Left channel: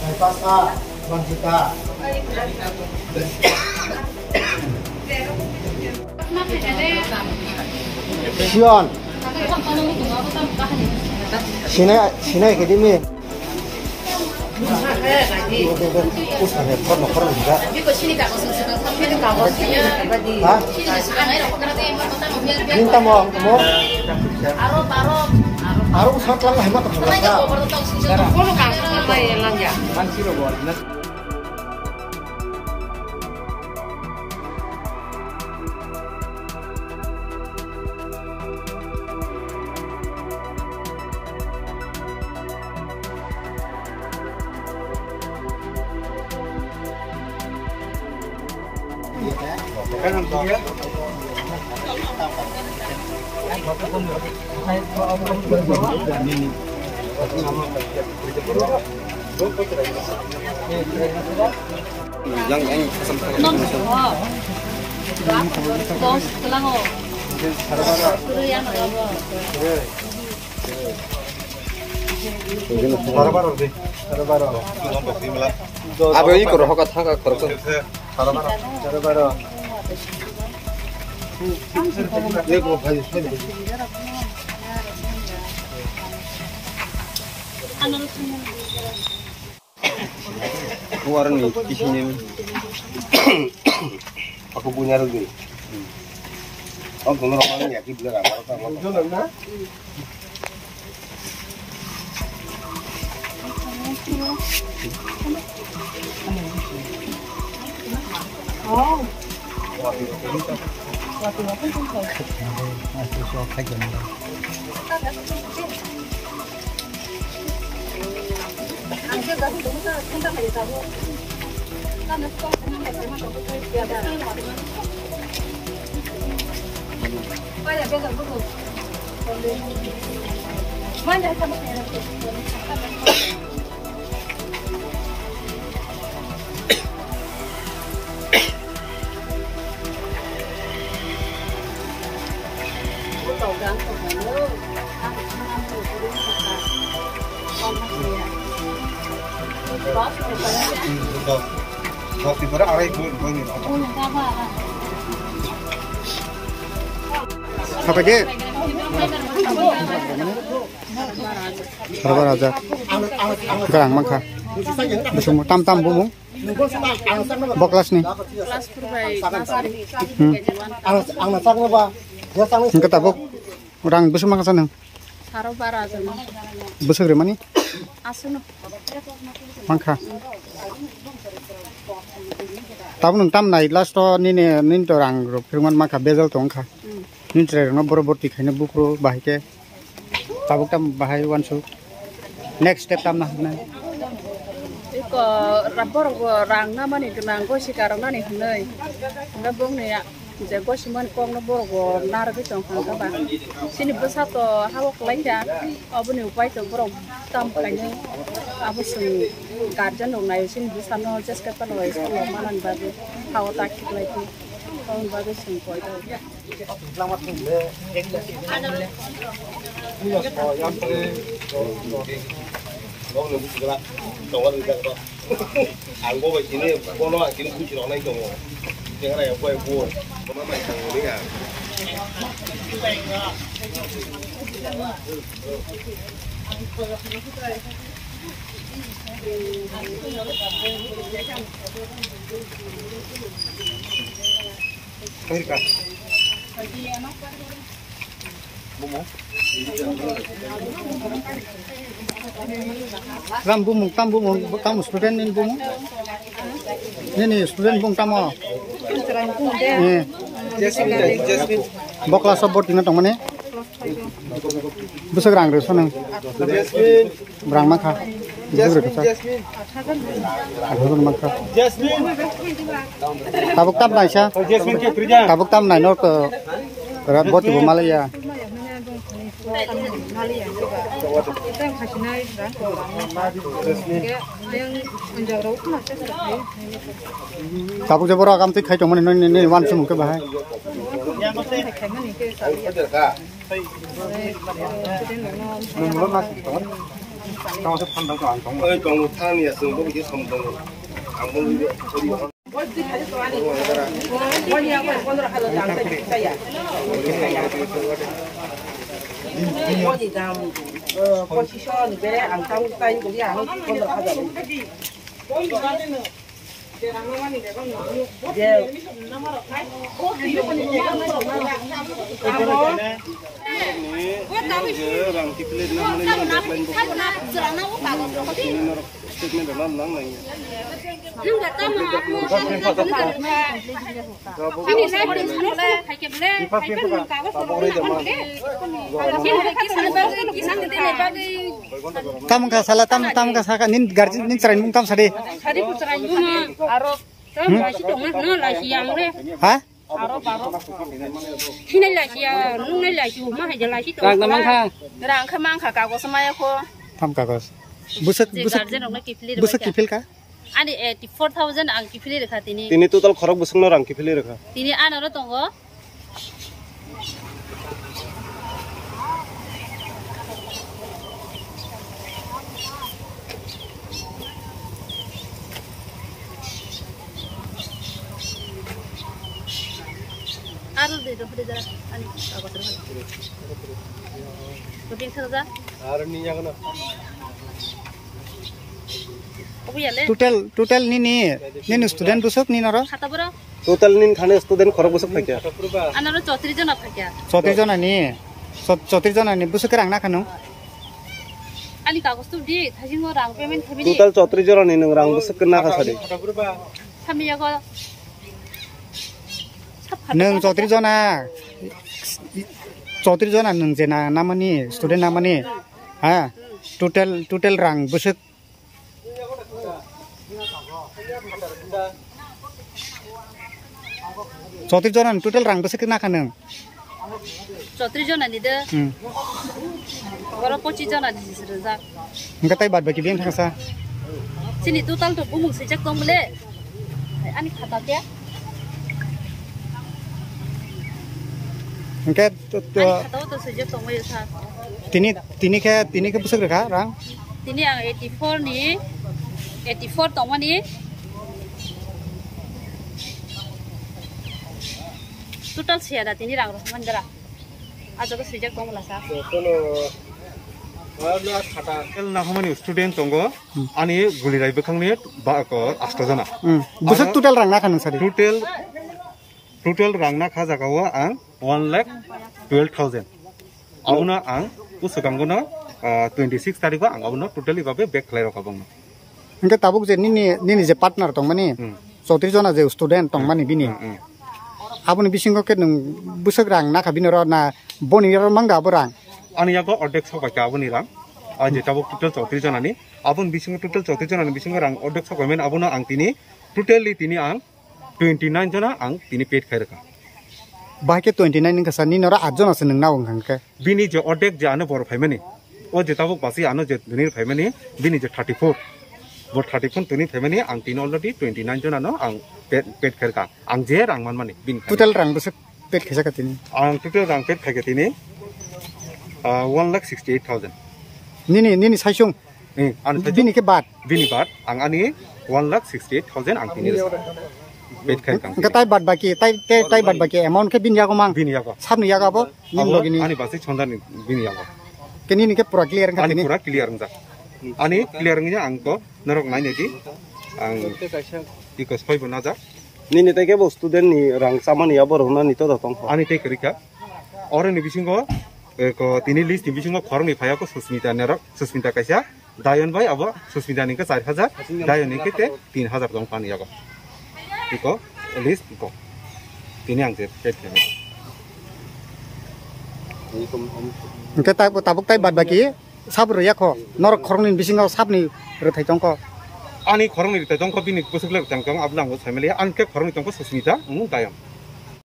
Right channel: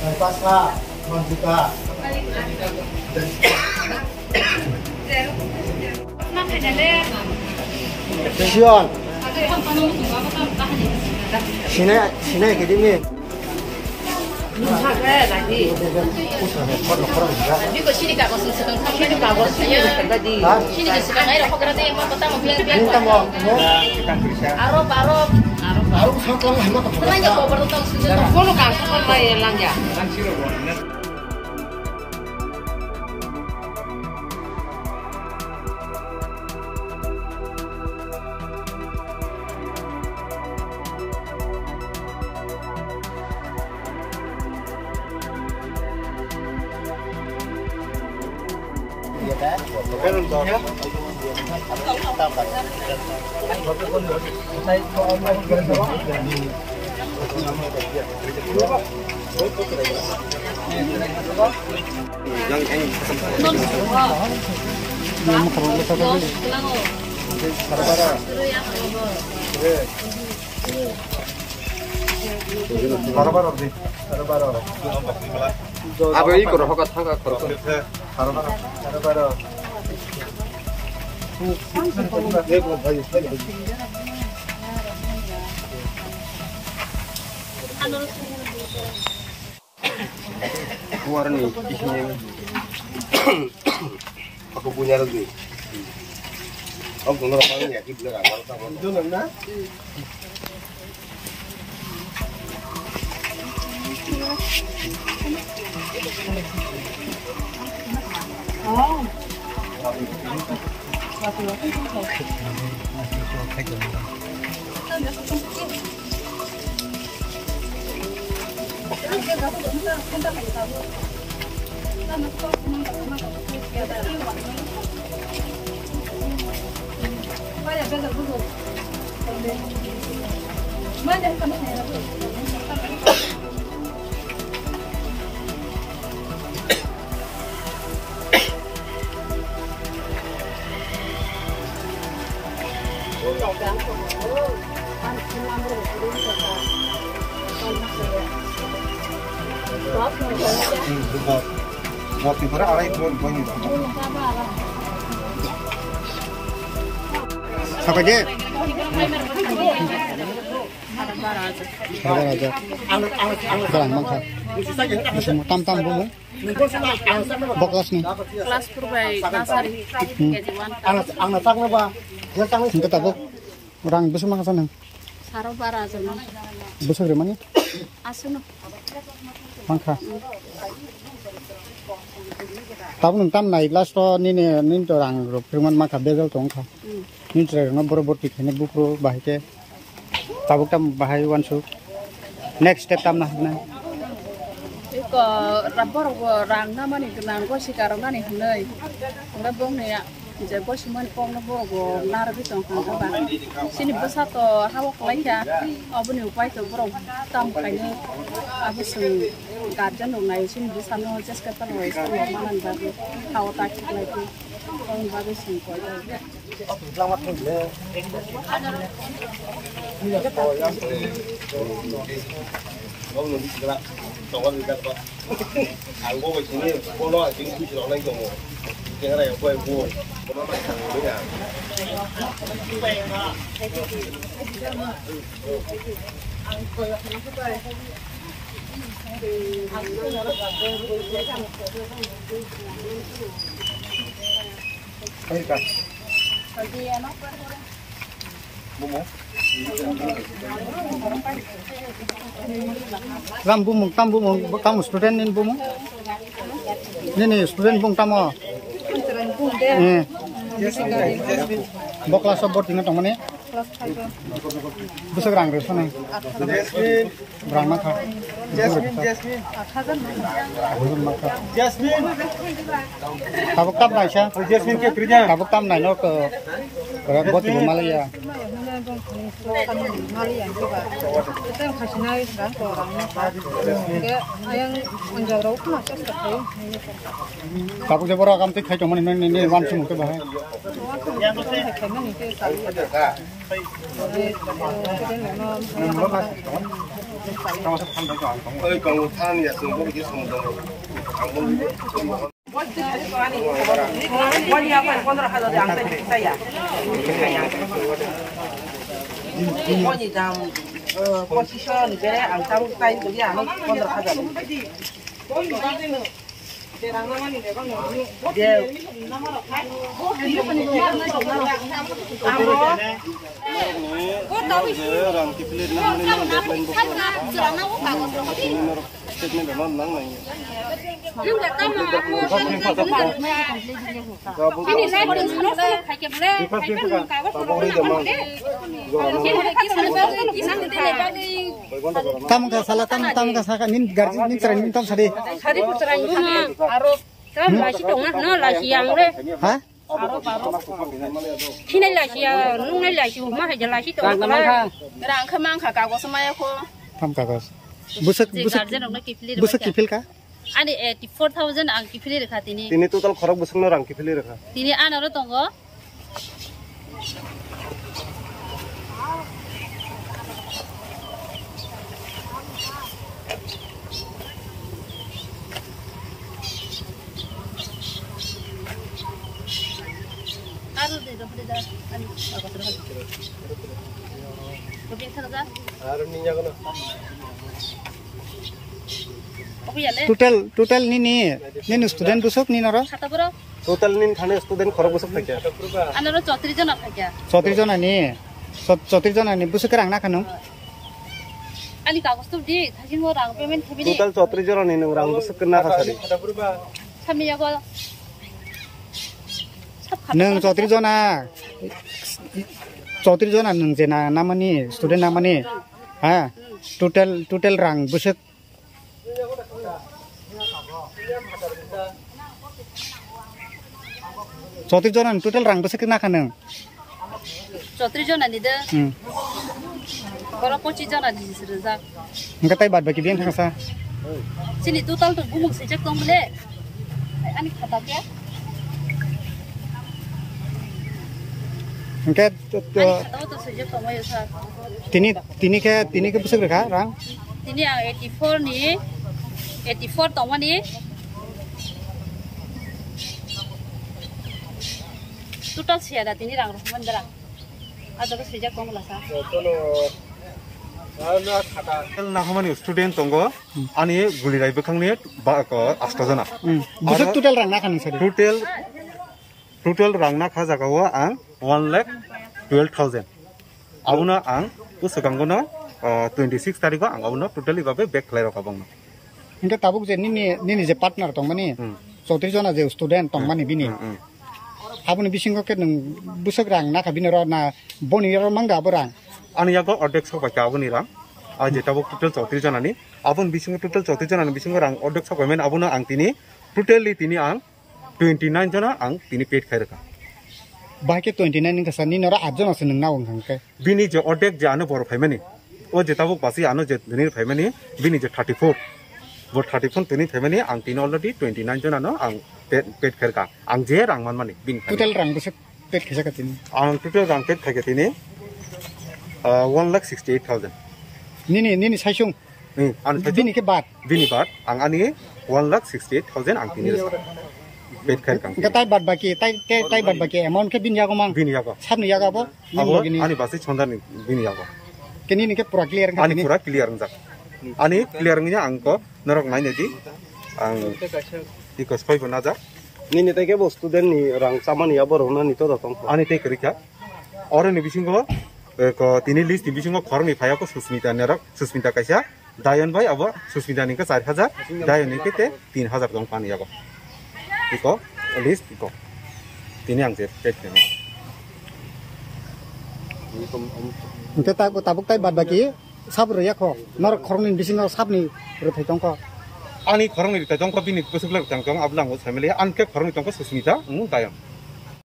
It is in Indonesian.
Pasca, Manjuta. Sion. Sini ke sini. Juga sini tak masuk sedang sini tak bos sini tadi. Sini tak sedang air apa kerana yang pertama biar biar. Minta mau. Arok sangat lama hemat tu. Banyak kau bertentang sini. Kalau kasar lah yang lang ya. Panciro buat. Kan untuk apa ini kurang hokat hangat terus. Keluar nih di sini. Aku punya lagi. Aku ngomong ya di belakang. Betul enggak? Oh. Waktu itu orang itu banyak. Apa je? Sarbar aja. Gerang mangka. Bersumur tam bumbu. Boklas nih. Kelas purbai nasari. Ang nasak na ba? Kita tabok orang besar makan sana. Sarbar aja mang. Besar dari mana? Asuno. Mangka. Tahu nung naik last to ni to orang grup firman maka bezal tongka. Ni terakhir no boro-boro dikhane bupro bahike. Tahu tam bahai wansu. Next step tam nah. Iko rapor orang nama ni kenang ko si karena ni hnei. Enggak bong ni ya. Jago siman kong na boro nar bi tong kan ba. Sini besar to hawak lain ya. Abu ni upai to boro tam kayaknya abu sing garden dong naik sini besar no just kapan wes to malan babi hawak takik lagi. Kong babi sing koi to. Có người biết là trong con người ta hàng cô về chín này cô nói chín cũng chỉ nói anh chồng cái này quay vua có má mày thằng đấy à cái gì cả bung Ram bumung tam student nin bumung. Ni student bung tam oh. Boklas sabot dengan tong mana? Besar orang resu nih. Berang maka. Jasmine. Tabuk tam naik sah. Jasmine क्या kerja? Tabuk tam naik no ke Bot ibu Malaya. Malaya juga. Kita yang kasih naik orang ke orangnya kan. Kayak yang menjauh itu masih seperti. Tabuk jabora kam tik khai tong mana ni wan sum ke bahai. Yang kayak mana ni ke sali ya. Jadi memang Còn thang này dùng có cái xong rồi. Càng bông đi. Position bere ang tang tain ko dia ang kontra hajar. Tam ka salah tam ka saka nin garji nin cerai kam sade. Hari puceran guna aro tam lasi dong no lasi yang le. Hah? Aro baru. Kini lasi ya nung lasi rumah aja lasi dong. Rang kemang kakak gua semaya ko. Tam kagos. Busuk kipil ka? Ani 84,000 ang kipili rekha tini. Tini total khorok busuk na rang kipili rekha. Tini anaro tongo. Aru de do hade jara ani agos ro hade. Topin khada. Aru ni jagono. Total ni student busuk ni nara? Khata bro. Total nin khane student khorok busuk thakya. Anaro 34 jona thakya. 34 jona ni busuk rang na khanu. Ani kagos tu di thajingo rang payment thabini. Total 34 jona ni rang busuk na khasari. Samiya ko. Nung 34 jona nung jena namani student namani. Ha total rang busuk 34 jona total rang busuk na khanu. 34 jona ni de. Boro 25 jona di sirja. Engka tai bad bagi biang thangsa. Sini total tu bumung sejak tong mele. Ani khata kya? Engka khata to sejak tong mai sa. tini ke busuk rekha rang. Tini ang 84 ni 84 tong mani. Total siada tini rang roh mandara. Aja ko sejak tong mala sa. Na hamani student tongo ani gulirai bekhangni ba ko 8 jona busuk total rang na khanu sari. total rang na kha jagao ang 1,12,000 abuna ang usukangono 26 tarikho ang abuna totally babe back khlai rakabong. Engka tabuk je nini je partner tong mani 34 jona je student tong mani bini. Abuni bisingo ke nung busuk rang na khabini ro na boni ro mangga borang. Ani yago ordek sabai ka abuni rang aje tabuk total 34 jona ni abun bisingo total 34 jona ni bisingo rang ordek sabai men abuna ang tini totally tini ang 29 jona ang tini paid khair ka. Bahke 29 ning kasani nora 8 jona se nang na ong ke. Bini je ordek je anu bor phaimani o je tabuk basi anu je dini phaimani bini je 34 bor 34 tini phaimani ang tini already 29 jona no ang paid khair ka ang je rang man mani bin total rang busuk paid khaisa ka tini. ang total rang paid khaika tini 1,68,000 nini saisung bini ke bat ang ani 1,68,000 ang tini resa paid khair kang engka tai bat baki amount ke bin yago mang bini yago sabni yago bo abo ani basi chondan bini yago keni ni ke pura clear ka ani tini pura clear ngja ani clear ngja angko norok nai nedi ang iko spai bonaja Nini teke bo student ni rang samani ya bor hona ni to tong. ani te kerika ore ni bisingo ko tini list ni bisingo khorong ni phaya ko susmita nerok susmita kaisa dayon bai abo susmita ni ka 4,000 dayon ni ke te 3,000 dong pani yago iko list iko tini ang je paid khair engka tabuk tai bat baki sab ro yakho norok khorong ni bisingo sabni ro thai tong ko ani khorong ni ta dong ko bini busuk lak tang tong ablang ko family an ke khorong ni tong ko susmita dayon